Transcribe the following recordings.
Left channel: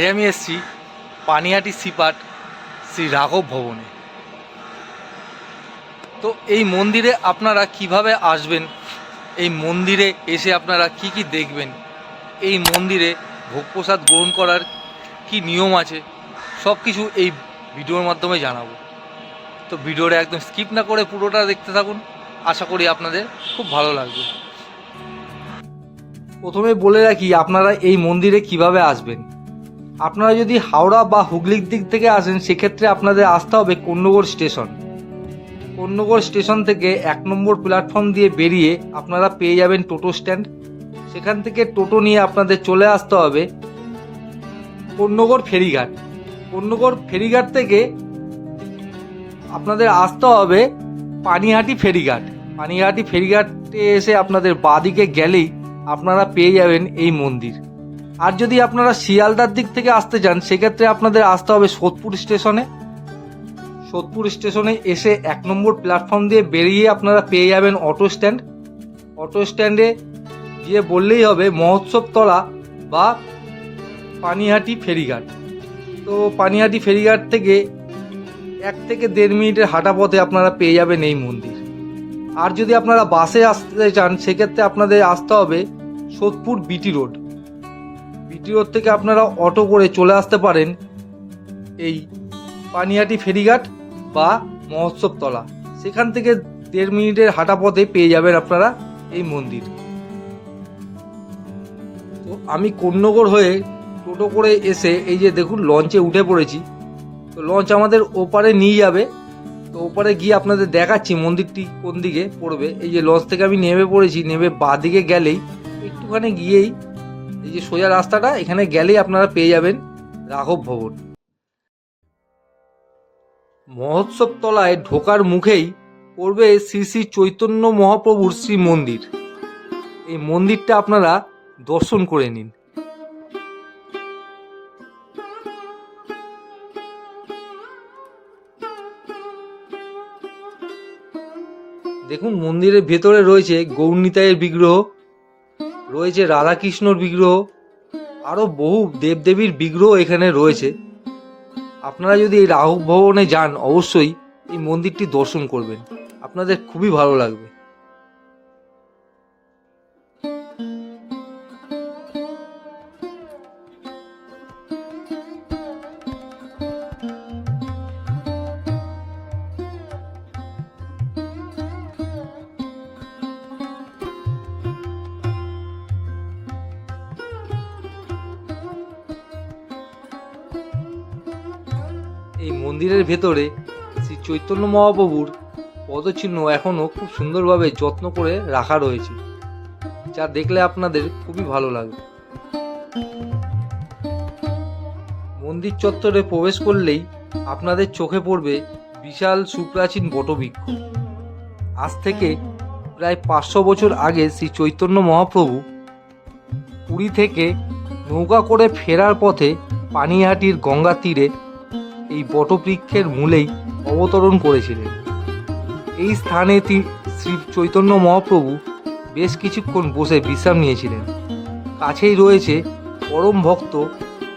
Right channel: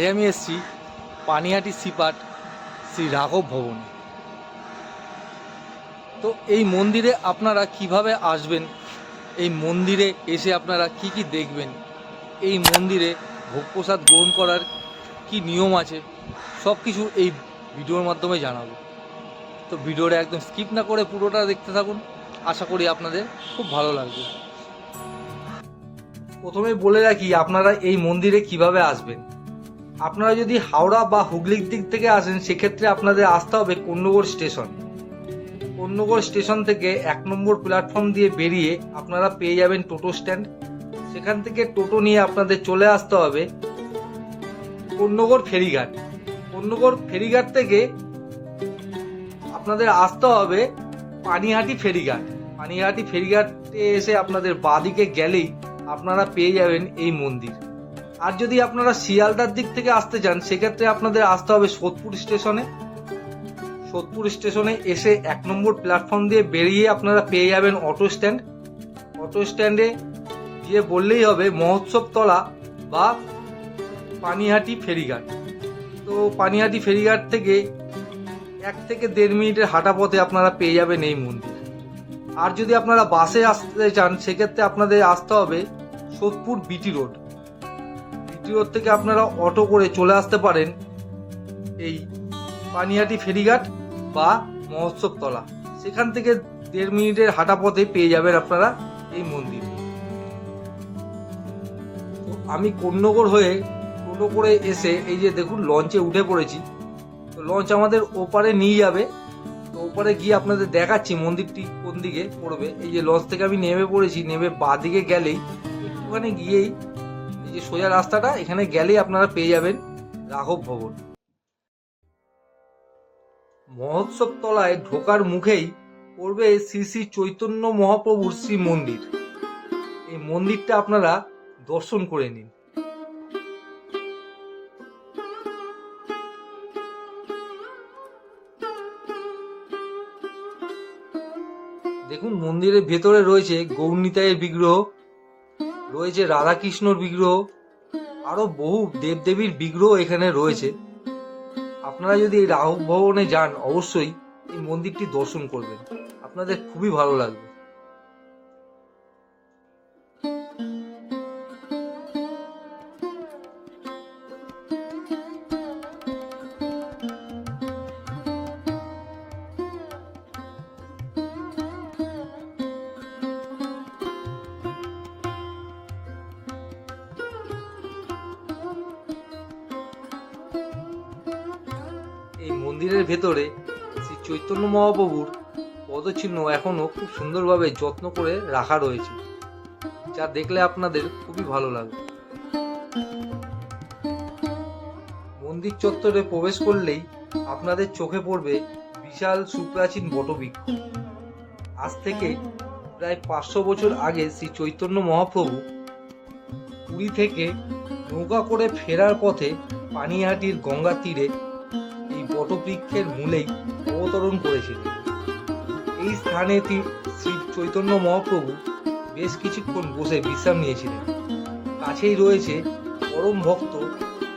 আজ আমি এসেছি পানিয়াটি সিপাট শ্রী রাঘব ভবনে। তো এই মন্দিরে আপনারা কীভাবে আসবেন? এই মন্দিরে এসে আপনারা কি কি দেখবেন? এই মন্দিরে ভোগ প্রসাদ গ্রহণ করার কি নিয়ম আছে? সব কিছু এই ভিডিওর মাধ্যমে জানাব। তো ভিডিওটা একদম স্কিপ না করে পুরোটা দেখতে থাকুন। আশা করি আপনাদের খুব ভালো লাগবে। প্রথমে বলে রাখি, আপনারা এই মন্দিরে কীভাবে আসবেন? আপনারা যদি হাওড়া বা হুগলির দিক থেকে আসেন, সেক্ষেত্রে আপনাদের আসতে হবে কন্যগড় স্টেশন। কন্যগড় স্টেশন থেকে এক নম্বর প্ল্যাটফর্ম দিয়ে বেরিয়ে আপনারা পেয়ে যাবেন টোটো স্ট্যান্ড। সেখান থেকে টোটো নিয়ে আপনাদের চলে আসতে হবে কন্যগড় ফেরিঘাট। কন্যগড় ফেরিঘাট থেকে আপনাদের আসতে হবে পানিহাটি ফেরিঘাট। পানিহাটি ফেরিঘাটে এসে আপনাদের বাদিকে গেলেই আপনারা পেয়ে যাবেন এই মন্দির। আর যদি আপনারা শিয়ালদার দিক থেকে আসতে চান, সেক্ষেত্রে আপনাদের আসতে হবে সোদপুর স্টেশনে। সোদপুর স্টেশনে এসে এক নম্বর প্ল্যাটফর্ম দিয়ে বেরিয়ে আপনারা পেয়ে যাবেন অটো স্ট্যান্ড। অটো স্ট্যান্ডে গিয়ে বললেই হবে মহোৎসব তলা বা পানিহাটি ফেরিঘাট। তো পানিহাটি ফেরিঘাট থেকে এক থেকে দেড় মিনিটের হাঁটা পথে আপনারা পেয়ে যাবেন এই মন্দির। আর যদি আপনারা বাসে আসতে চান, সেক্ষেত্রে আপনাদের আসতে হবে সোদপুর বিটি রোড। রোড থেকে আপনারা অটো করে চলে আসতে পারেন এই পানিহাটি ফেরিঘাট বা মহোৎসব তলা সেখান থেকে দেড় মিনিটের হাঁটা পথে পেয়ে যাবেন আপনারা এই মন্দির। তো আমি কন্যগড় হয়ে টোটো করে এসে এই যে দেখুন লঞ্চে উঠে পড়েছি। তো লঞ্চ আমাদের ওপারে নিয়ে যাবে। তো ওপারে গিয়ে আপনাদের দেখাচ্ছি মন্দিরটি কোন দিকে পড়বে। এই যে লঞ্চ থেকে আমি নেমে পড়েছি, নেমে বাঁ দিকে গেলেই একটুখানি গিয়েই এই যে সোজা রাস্তাটা, এখানে গেলেই আপনারা পেয়ে যাবেন রাঘব ভবন। মহোৎসব তলায় ঢোকার মুখেই পড়বে শ্রী শ্রী চৈতন্য মহাপ্রভুর শ্রী মন্দির এই মন্দিরটা আপনারা দর্শন করে নিন। দেখুন, মন্দিরের ভেতরে রয়েছে গৌরনীতায়ের বিগ্রহ। রয়েছে রাধাকৃষ্ণর বিগ্রহ আরও বহু দেবদেবীর বিগ্রহ এখানে রয়েছে। আপনারা যদি এই রাহু ভবনে যান, অবশ্যই এই মন্দিরটি দর্শন করবেন। আপনাদের খুবই ভালো লাগবে। এই মন্দিরের ভেতরে শ্রী চৈতন্য মহাপ্রভুর পদচিহ্ন এখনও খুব সুন্দরভাবে যত্ন করে রাখা রয়েছে, যা দেখলে আপনাদের খুবই ভালো লাগবে। মন্দির চত্বরে প্রবেশ করলেই আপনাদের চোখে পড়বে বিশাল সুপ্রাচীন বটবৃক্ষ। আজ থেকে প্রায় পাঁচশো বছর আগে শ্রী চৈতন্য মহাপ্রভু পুরী থেকে নৌকা করে ফেরার পথে পানিহাটির গঙ্গা তীরে এই বটবৃক্ষের মূলেই অবতরণ করেছিলেন। এই স্থানে শ্রী চৈতন্য মহাপ্রভু বেশ কিছুক্ষণ বসে বিশ্রাম নিয়েছিলেন। কাছেই রয়েছে পরম ভক্ত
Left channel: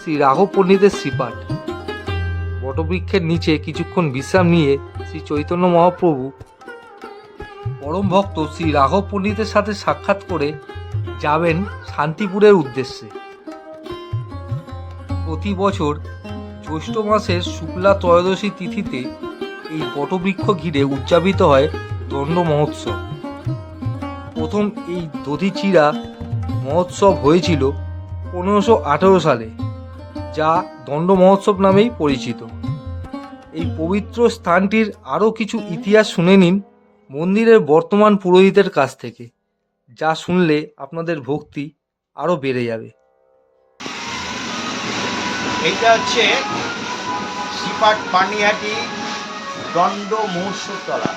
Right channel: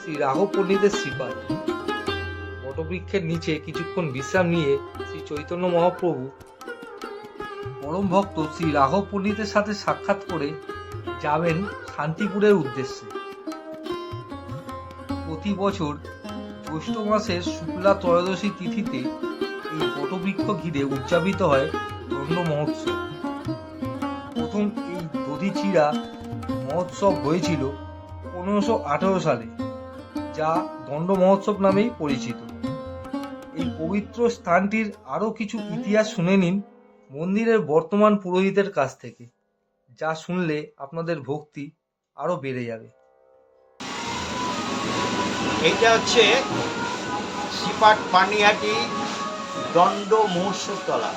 শ্রী রাঘব পণ্ডিতের শ্রীপাঠ বটবৃক্ষের নিচে কিছুক্ষণ বিশ্রাম নিয়ে শ্রী চৈতন্য মহাপ্রভু পরম ভক্ত শ্রী রাঘব পণ্ডিতের সাথে সাক্ষাৎ করে যাবেন শান্তিপুরের উদ্দেশ্যে। প্রতি বছর জ্যৈষ্ঠ মাসের শুক্লা ত্রয়োদশী তিথিতে এই বটবৃক্ষ ঘিরে উদযাপিত হয় দণ্ড মহোৎসব। প্রথম এই দধিচিরা মহোৎসব হয়েছিল পনেরোশো আঠেরো সালে, যা দণ্ড মহোৎসব নামেই পরিচিত। এই পবিত্র স্থানটির আরও কিছু ইতিহাস শুনে নিন মন্দিরের বর্তমান পুরোহিতের কাছ থেকে, যা শুনলে আপনাদের ভক্তি আরও বেড়ে যাবে। এইটা হচ্ছে সিপাট পানিহাটি দণ্ড মহোৎসব তলা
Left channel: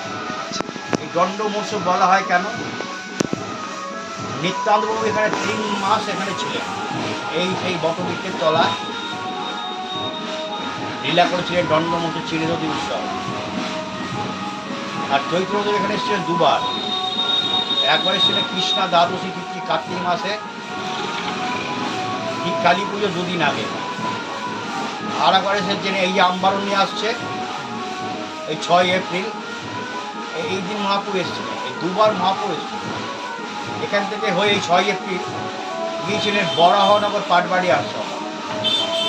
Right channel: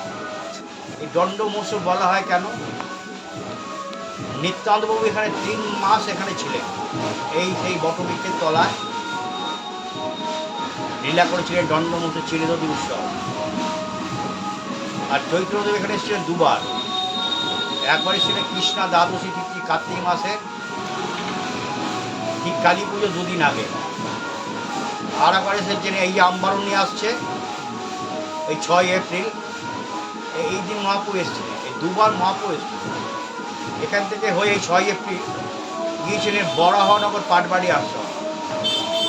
এই দণ্ড মহোৎসব বলা হয় কেন? নিত্যান্তবাবু এখানে তিন মাস এখানে ছিলেন। এই, সেই বটবৃক্ষের তলায় লীলা করেছিলেন দণ্ড মহোৎসব চিরনদী উৎসব। আর চৈত্রদেব এখানে এসেছিলেন দুবার। একবার এসেছিলেন কৃষ্ণা দ্বাদশী তিথি কার্তিক মাসে, ঠিক কালী পুজো দুদিন আগে। আর একবার এসেছেন এই যে আমবারণী আসছে, এই ছয় এপ্রিল, এই- দিন মহাপুর এসেছিলেন এই দুবার মহাপুর এসেছিলেন এখান থেকে হয়ে এই ছয় এপ্রিল, গিয়েছিলেন বরাহনগর পাটবাড়ি আশ্রম,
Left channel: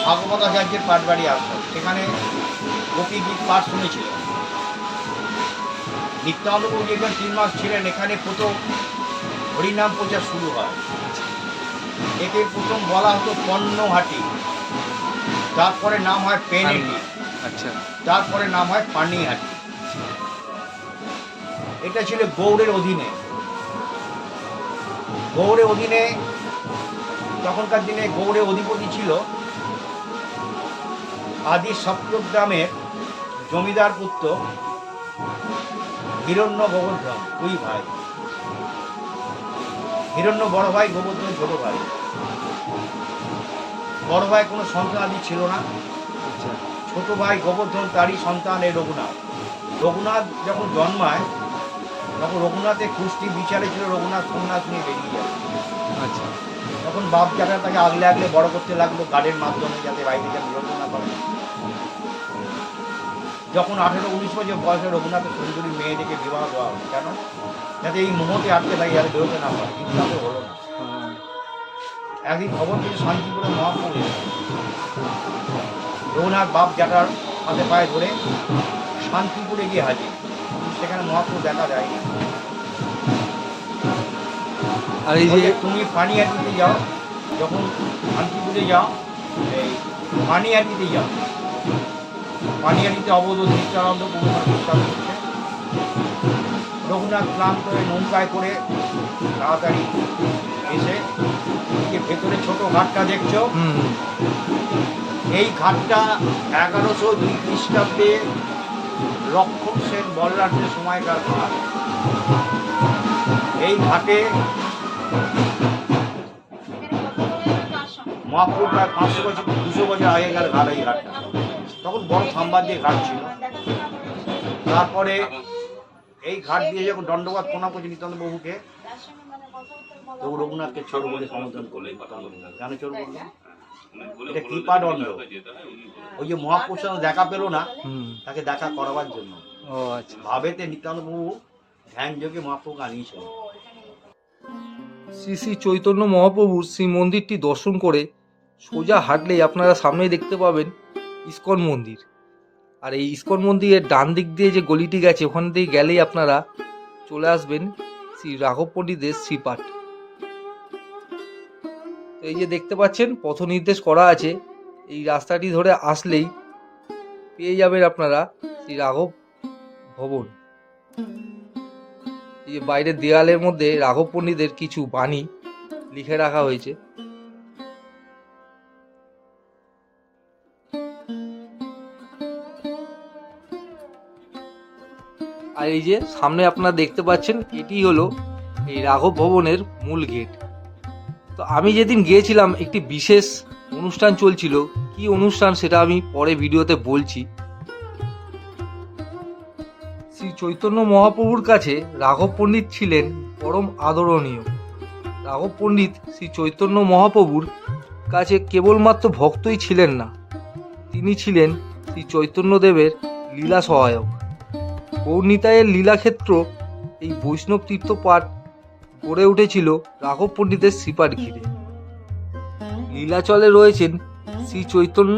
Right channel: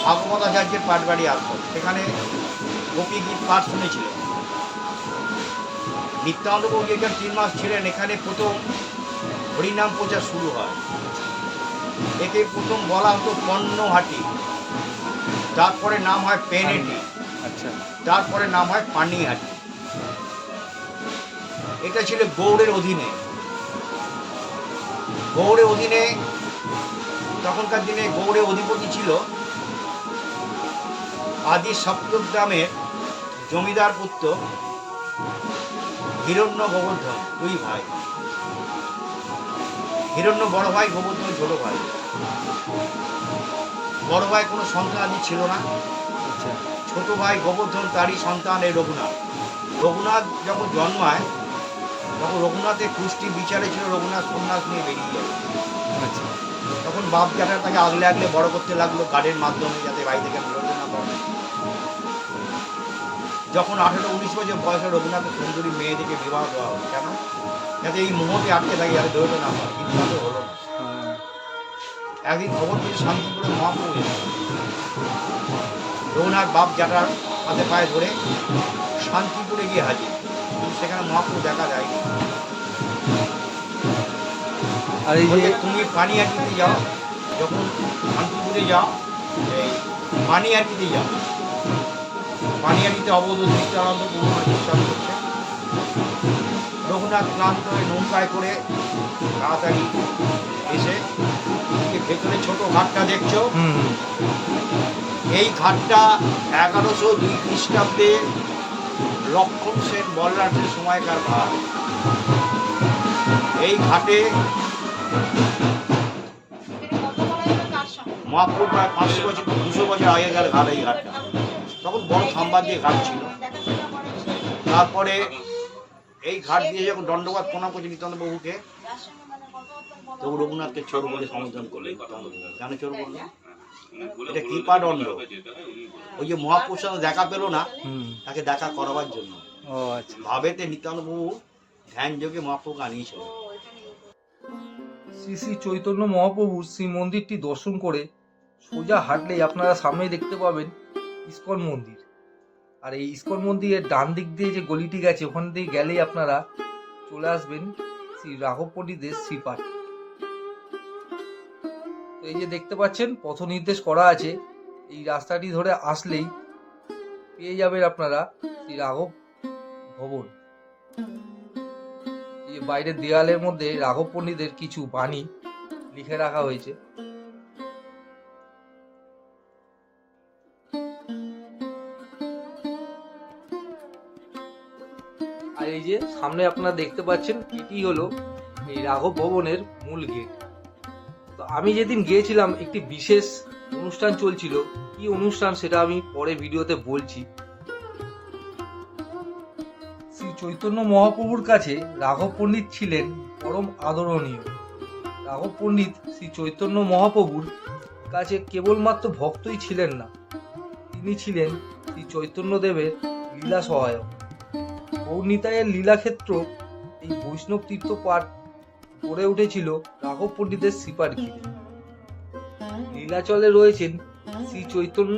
ভাগবত আচার্যের পাটবাড়ি আশ্রম। সেখানে গোপী গীত পাঠ শুনেছিলেন। নিত্যানন্দবাবু যেখানে তিন মাস ছিলেন, এখানে প্রথম হরিনাম প্রচার শুরু হয়। একে প্রথম বলা হতো পণ্যহাটি তারপরে নাম হয় পেনেটি আচ্ছা। তারপরে নাম হয় পানিহাটি। এটা ছিল গৌড়ের অধীনে। গৌড়ের অধীনে তখনকার দিনে গৌড়ের অধিপতি ছিল আদি সপ্তক গ্রামের জমিদার পুত্র হিরণ্য গোবর্ধন দুই ভাই। হিরণ্য বড় ভাই গোবর্ধন ছোট ভাই। বড় ভাই কোনো সন্তান আদি ছিল না। আচ্ছা। ছোট ভাই গোবর্ধন তারই সন্তান এই রঘুনাথ। রঘুনাথ যখন জন্মায় তখন রঘুনাথের কুষ্টি বিচারে ছিল রঘুনাথ সন্ন্যাস নিয়ে বেরিয়ে যায়। আচ্ছা। তখন বাপ জ্যাঠা তাকে আগলে আগলে বড় করতে লাগল গার্ডের মাধ্যমে যাতে বাড়ি থেকে বেরোতে না পারে। যখন আঠেরো উনিশ বছর বয়সে রঘুনাথের সুন্দরী মেয়েদেরকে বিবাহ দেওয়া হলো কেন? যাতে এই মুহূর্তে আটকে থাকে যাতে বেরোতে না পারে। কিন্তু তাদের হলো না। একদিন খবর পেয়েছে শান্তিপুরে মহাপ্রভু। রঘুনাথ বাপ জ্যাঠার হাতে পায়ে ধরে শান্তিপুরে গিয়ে হাজির। সেখানে মহাপ্রভু দেখা যায়নি। আর এই যে তুমি পানিহাটিতে যাও। যখন শান্তিপুরে যাও এই পানিহাটিতে যাও। পানিহাটিতে অবধ নিত্যানন্দ পূর্ণ বিশ্বাস রঘুনাথ ক্লান্ত হয়ে নৌকায় করে তাড়াতাড়ি এসে ভেতরে ছোট ঘাটটা দেখছ এই ঘাটটা এগারোশো দুই খ্রিস্টাব্দে লক্ষণ সেন বলরাটের সময়কার ঘাট। এই ঘাটে মহাপুর প্রায় পাঁচশো বছর দুশো বছর আগেকার ঘাট এই ঘাটটা। তখন বড় খাম্বা দিয়ে ঘাট ছিল। তারপরে এই ঘাট দিয়ে যখন দণ্ডবাদ প্রণাম করছে নিত্যান্ত বাবুকে তবু রঘুনাথকে চোর বলে সমর্থন করলে কেন চোর বলল? এটা কৃপা দণ্ড। ওই যে মহাপুরুষ দেখা পেল না তাকে দেখা করাবার জন্য। ও আচ্ছা। ভাবেতে নিত্যান্ত বাবু ধ্যান যোগে মহাপ্রভুকে আনিয়েছিল। শ্রী শ্রী চৈতন্য মহাপ্রভুর শ্রী মন্দিরটি দর্শন করে সোজা হাঁটলেই আপনারা সামনেই দেখতে পাবেন ইস্কন মন্দির। আর এই ইস্কন মন্দিরের ডান দিক দিয়ে যে গলিটি গেছে, ওখান দিয়ে গেলেই আপনারা চলে আসবেন শ্রী রাঘব পণ্ডিতের শ্রীপাঠ। এই যে দেখতে পাচ্ছেন পথ নির্দেশ করা আছে। এই রাস্তাটি ধরে আসলেই পেয়ে যাবেন আপনারা শ্রী রাঘব ভবন। এই বাইরের দেয়ালের মধ্যে রাঘব পণ্ডিতের কিছু বাণী লিখে রাখা হয়েছে। এই যে সামনে আপনারা দেখতে পাচ্ছেন, এটি হলো এই রাঘব ভবনের মূল গেট। তো আমি যেদিন গিয়েছিলাম, একটি বিশেষ অনুষ্ঠান চলছিল। কি অনুষ্ঠান সেটা আমি পরে ভিডিওতে বলছি। শ্রী চৈতন্য মহাপ্রভুর কাছে রাঘব পণ্ডিত ছিলেন পরম আদরণীয়। রাঘব পণ্ডিত শ্রী চৈতন্য মহাপ্রভুর কাছে কেবলমাত্র ভক্তই ছিলেন না। তিনি ছিলেন শ্রী চৈতন্যদেবের লীলা সহায়ক। গৌরনীতায়ের লীলাক্ষেত্র এই বৈষ্ণব তীর্থপাঠ গড়ে উঠেছিল রাঘব পণ্ডিতের শ্রীপাঠ ঘিরে লীলাচলে রয়েছেন শ্রী চৈতন্য,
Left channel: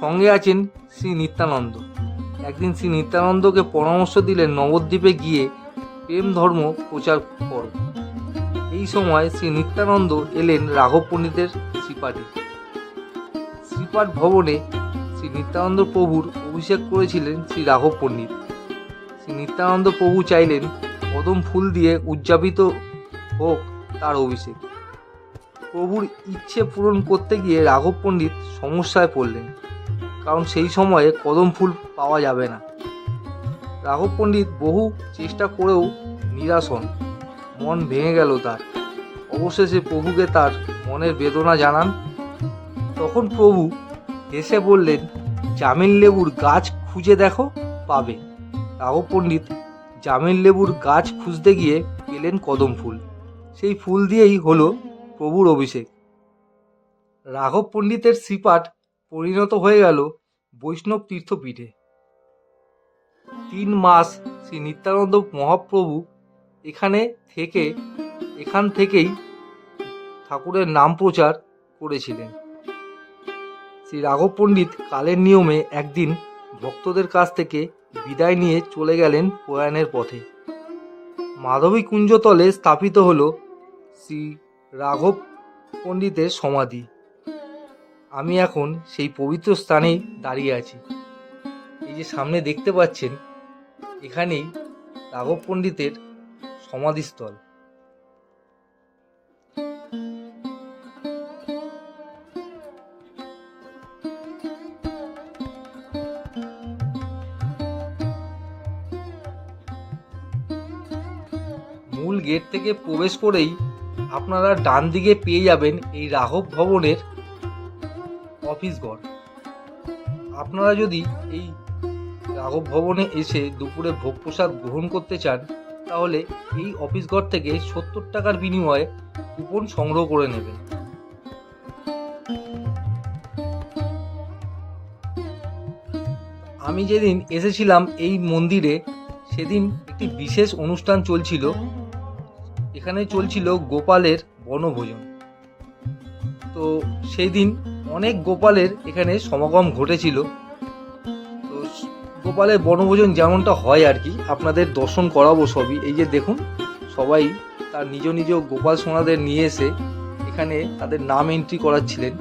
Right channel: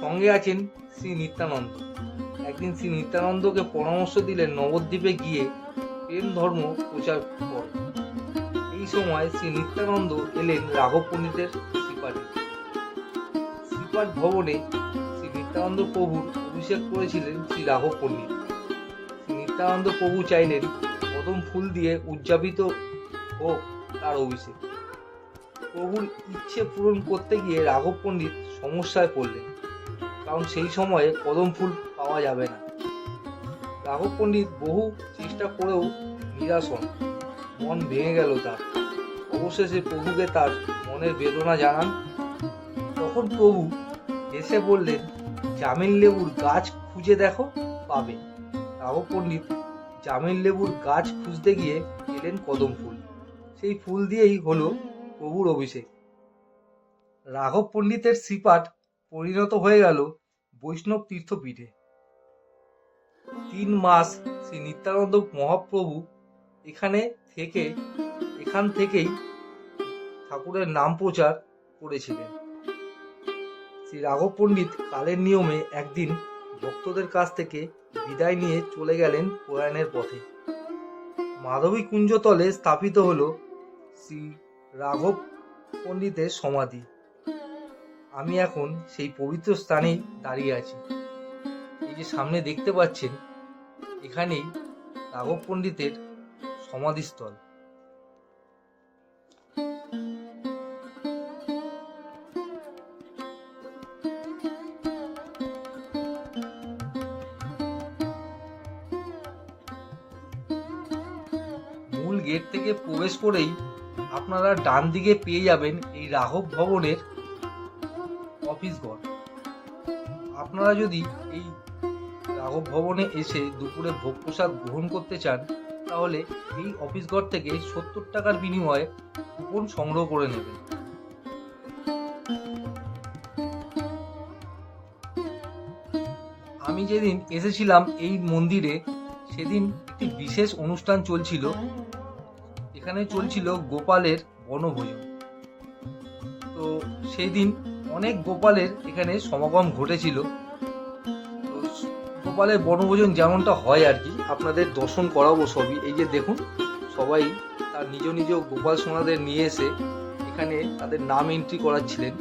সঙ্গে আছেন শ্রী নিত্যানন্দ। একদিন শ্রী নিত্যানন্দকে পরামর্শ দিলেন নবদ্বীপে গিয়ে প্রেম ধর্ম প্রচার কর। এই সময় শ্রী নিত্যানন্দ এলেন রাঘব পণ্ডিতের শ্রীপাঠে শ্রীপাঠ ভবনে শ্রী নিত্যানন্দ প্রভুর অভিষেক করেছিলেন শ্রী রাঘব পণ্ডিত। নিত্যানন্দ প্রভু চাইলেন কদম ফুল দিয়ে উদযাপিত হোক তার অভিষেক। প্রভুর ইচ্ছে পূরণ করতে গিয়ে রাঘব পণ্ডিত সমস্যায় পড়লেন, কারণ সেই সময়ে কদম ফুল পাওয়া যাবে না। রাঘব পণ্ডিত বহু চেষ্টা করেও নিরাশ হন, মন ভেঙে গেল তার। অবশেষে প্রভুকে তার মনের বেদনা জানান। তখন প্রভু হেসে বললেন জামিন লেবুর গাছ খুঁজে দেখো, পাবে। রাঘব পণ্ডিত জামিন লেবুর গাছ খুঁজতে গিয়ে পেলেন কদম ফুল। সেই ফুল দিয়েই হলো প্রভুর অভিষেক। রাঘব পণ্ডিতের শ্রীপাঠ পরিণত হয়ে গেল বৈষ্ণব তীর্থপীঠে। তিন মাস শ্রী নিত্যানন্দ মহাপ্রভু এখানে থেকে, এখান থেকেই ঠাকুরের নাম প্রচার করেছিলেন। শ্রী রাঘব পণ্ডিত কালের নিয়মে একদিন ভক্তদের কাছ থেকে বিদায় নিয়ে চলে গেলেন প্রয়াণের পথে। মাধবী কুঞ্জতলে স্থাপিত হল শ্রী রাঘব পণ্ডিতের সমাধি। আমি এখন সেই পবিত্র স্থানেই দাঁড়িয়ে আছি। এই যে সামনে দেখতে পাচ্ছেন, এখানেই রাঘব পণ্ডিতের সমাধিস্থল। গেট থেকে প্রবেশ করেই আপনারা ডান দিকে পেয়ে যাবেন এই রাঘব ভবনের অফিস ঘর। আপনারা যদি এই রাঘব ভবনে এসে দুপুরে ভোগ প্রসাদ গ্রহণ করতে চান, তাহলে এই অফিস ঘর থেকে সত্তর টাকার বিনিময়ে কুপন সংগ্রহ করে নেবেন। আমি যেদিন এসেছিলাম এই মন্দিরে, সেদিন একটি বিশেষ অনুষ্ঠান চলছিল। এখানে চলছিল গোপালের বনভোজন। তো সেই দিন অনেক গোপালের এখানে সমাগম ঘটেছিল। তো গোপালের বনভোজন যেমনটা হয় আর কি, আপনাদের দর্শন করাবো সবই। এই যে দেখুন, সবাই তার নিজ নিজ গোপাল সোনাদের নিয়ে এসে এখানে তাদের নাম এন্ট্রি করাচ্ছিলেন।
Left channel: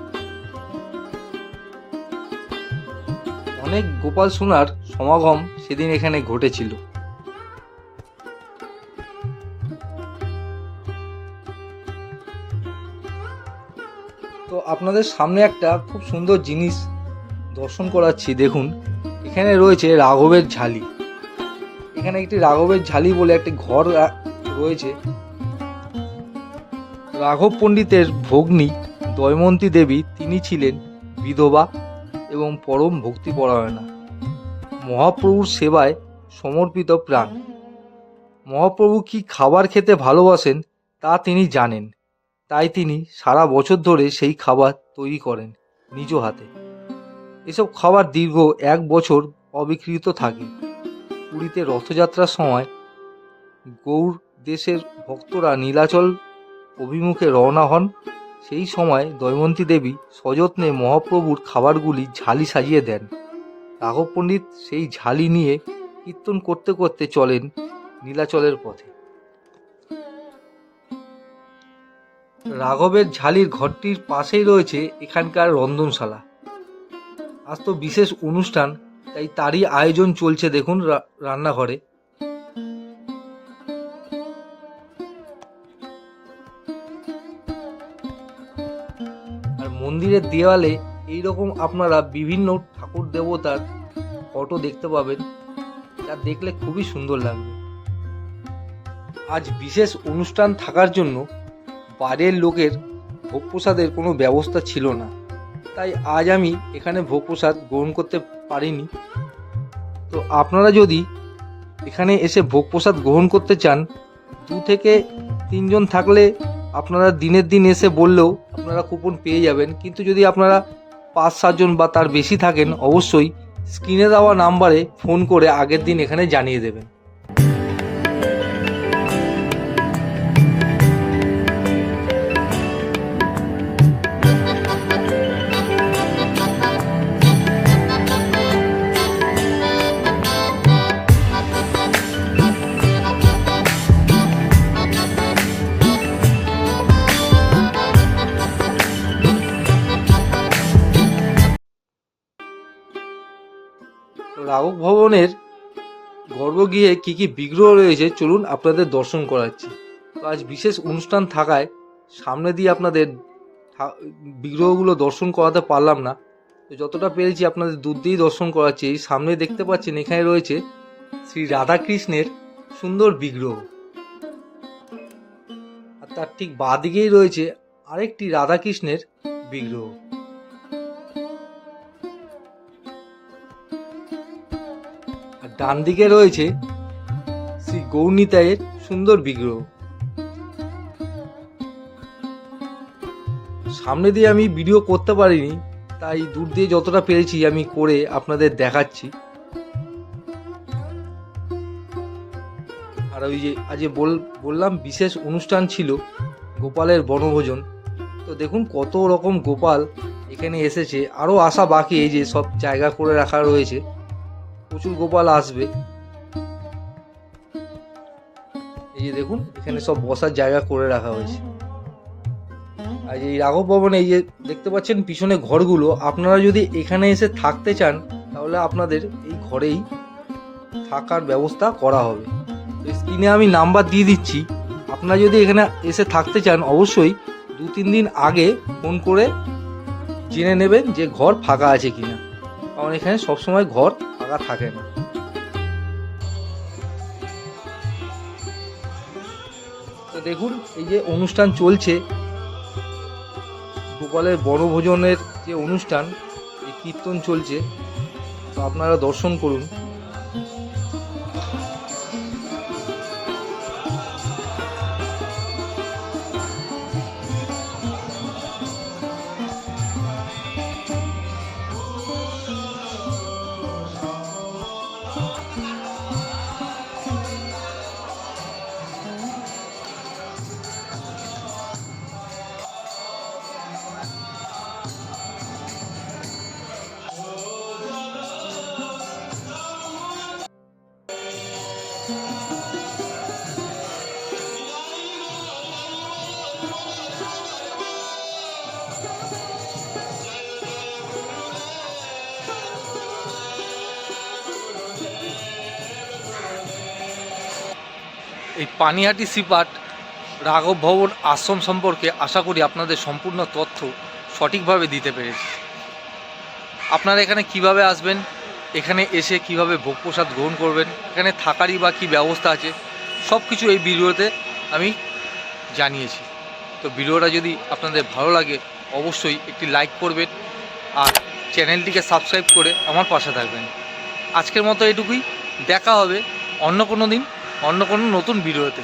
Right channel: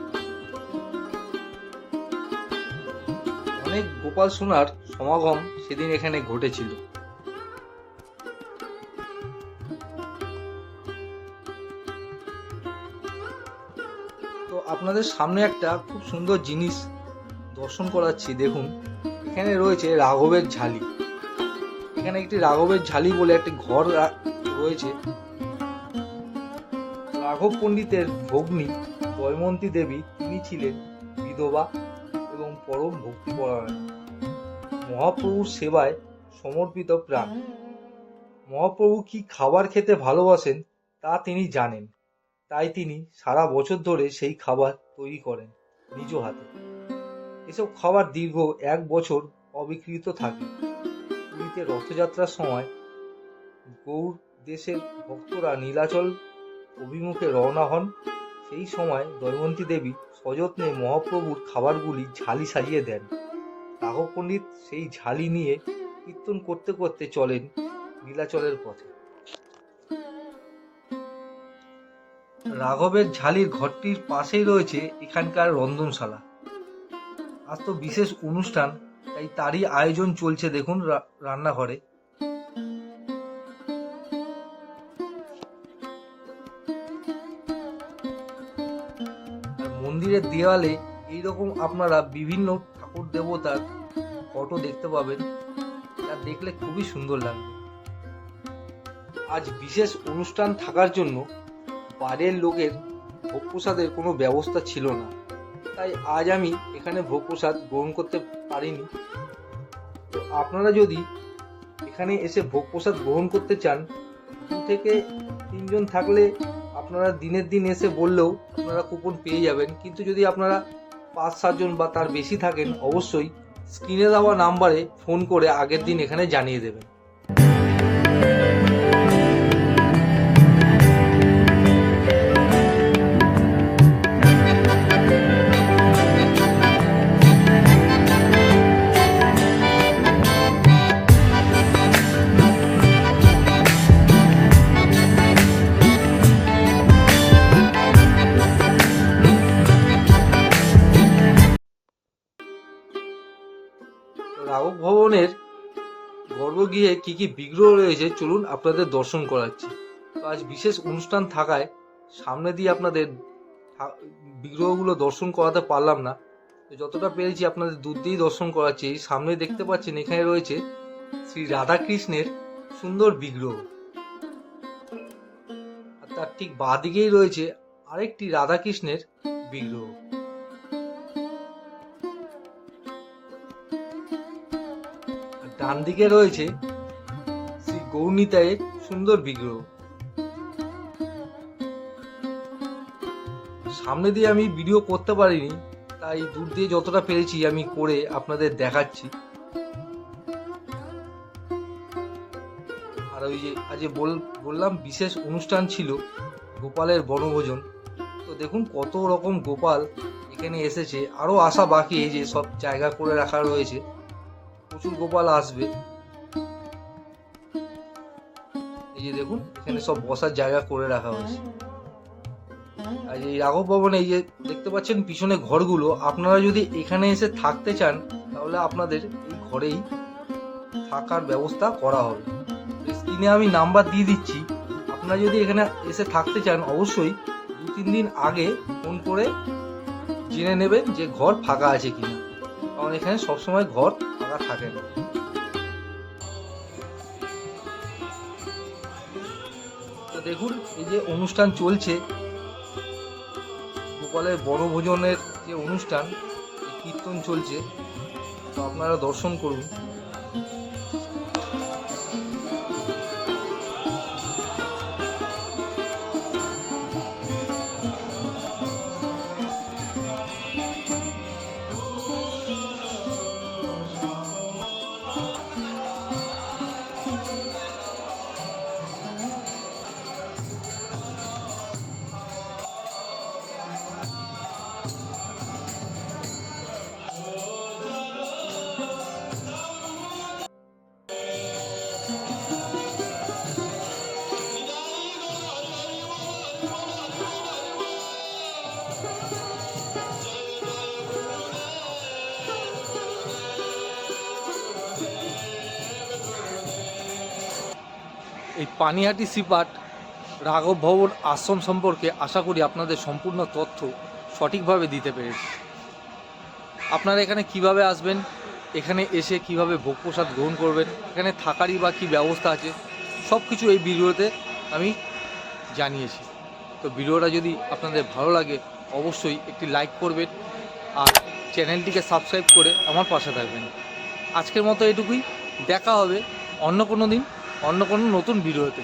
অনেক গোপাল সোনার সমাগম সেদিন এখানে ঘটেছিল। আপনাদের সামনে একটা খুব সুন্দর জিনিস দর্শন করাচ্ছি, দেখুন। এখানে রয়েছে রাঘবের ঝালি। এখানে একটি রাঘবের ঝালি বলে একটি ঘর রয়েছে। রাঘব পণ্ডিতের ভগ্নী দয়মন্তী দেবী, তিনি ছিলেন বিধবা এবং পরম ভক্তিপরায়ণা। মহাপ্রভুর সেবায় সমর্পিত প্রাণ। মহাপ্রভু কি খাবার খেতে ভালোবাসেন তা তিনি জানেন। তাই তিনি সারা বছর ধরে সেই খাবার তৈরি করেন নিজ হাতে। এসব খাবার দীর্ঘ এক বছর অবিকৃত থাকে। পুরীতে রথযাত্রার সময় গৌর দেশের ভক্তরা নীলাচল অভিমুখে রওনা হন। সেই সময় দৈমন্তী দেবী সযত্নে মহাপ্রভুর খাবারগুলি ঝালি সাজিয়ে দেন। রাঘব পণ্ডিত সেই ঝালি নিয়ে কীর্তন করতে করতে চলেন নীলাচলের পথে। রাঘবের ঝালির ঘরটির পাশেই রয়েছে এখানকার রন্ধনশালা। আজ তো বিশেষ অনুষ্ঠান, তাই তারই আয়োজন চলছে দেখুন রান্নাঘরে। মন্দিরের দেওয়ালে এইরকম আপনারা বিভিন্ন ঠাকুর দেবতার ফটো দেখতে পাবেন যা দেখলে খুবই সুন্দর লাগবে। আজ বিশেষ অনুষ্ঠান থাকার জন্য বাইরের লোকের ভোগ প্রসাদের কোনো ব্যবস্থা ছিল না। তাই আজ আমি এখানে ভোগ প্রসাদ গ্রহণ করতে পারিনি। তো আপনারা যদি এখানে এসে ভোগ প্রসাদ গ্রহণ করতে চান, দু থেকে তিনজন থাকলে আপনারা দিনের দিন এসে বললেও আপনারা কুপন পেয়ে যাবেন। কিন্তু যদি আপনারা পাঁচ, সাতজন বা তার বেশি থাকেন, অবশ্যই স্ক্রিনে দেওয়া নাম্বারে ফোন করে আগের দিন এখানে জানিয়ে দেবেন। গর্ভগৃহে কি কি বিগ্রহ রয়েছে, চলুন আপনাদের দর্শন করাচ্ছি। আজ বিশেষ অনুষ্ঠান থাকায় সামনে দিয়ে আপনাদের বিগ্রহগুলো দর্শন করাতে পারলাম না। তো যতটা পেরেছি আপনাদের দূর দিয়েই দর্শন করাচ্ছি। এই সামনে দেখতে পাচ্ছেন, এখানে রয়েছে শ্রী রাধাকৃষ্ণের সুন্দর বিগ্রহ। আর তার ঠিক বাঁদিকেই রয়েছে আরেকটি রাধাকৃষ্ণের বিগ্রহ। ডান দিকে রয়েছে শ্রী গৌরনীতায়ের সুন্দর বিগ্রহ। সামনে দিয়ে আমি ভিডিও করতে পারিনি, তাই দূর দিয়ে যতটা পেরেছি আমি করে আপনাদের দেখাচ্ছি। আর ওই যে, আজ বল, বললাম, বিশেষ অনুষ্ঠান ছিল গোপালের বনভোজন। তো দেখুন কত রকম গোপাল এখানে এসেছে। আরও আসা বাকি এই যে সব জায়গা করে রাখা রয়েছে। প্রচুর গোপাল আসবে। এই যে দেখুন, এখানে সব বসার জায়গা করে রাখা হয়েছে। আর এই রাঘব ভবনে এই যে দেখতে পাচ্ছেন পিছনে ঘরগুলো, আপনারা যদি এখানে এসে থাকতে চান, তাহলে আপনাদের এই ঘরেই থাকার ব্যবস্থা করা হবে। স্ক্রিনে আমি নাম্বার দিয়ে দিচ্ছি। আপনারা যদি এখানে এসে থাকতে চান, অবশ্যই দু তিন দিন আগে ফোন করে জেনে নেবেন যে ঘর ফাঁকা আছে কিনা। কারণ এখানে সবসময় ঘর ফাঁকা থাকেন। তো দেখুন, এই যে অনুষ্ঠান চলছে, গোপালের বনভোজনের যে অনুষ্ঠান, এই কীর্তন চলছে আপনারা দর্শন করুন। এই পানিহাটি সিপাট রাঘব ভবন আশ্রম সম্পর্কে আশা করি আপনাদের সম্পূর্ণ তথ্য সঠিকভাবে দিতে পেরেছি। আপনারা এখানে কীভাবে আসবেন? এখানে এসে কীভাবে ভোগ প্রসাদ গ্রহণ করবেন? এখানে থাকারই বা কী ব্যবস্থা আছে? সব কিছু এই ভিডিওতে আমি জানিয়েছি। তো ভিডিওটা যদি আপনাদের ভালো লাগে, অবশ্যই একটি লাইক করবেন আর চ্যানেলটিকে সাবস্ক্রাইব করে আমার পাশে থাকবেন। আজকের মতো এটুকুই। দেখা হবে অন্য কোনো দিন। অন্য কোনো নতুন ভিডিওতে।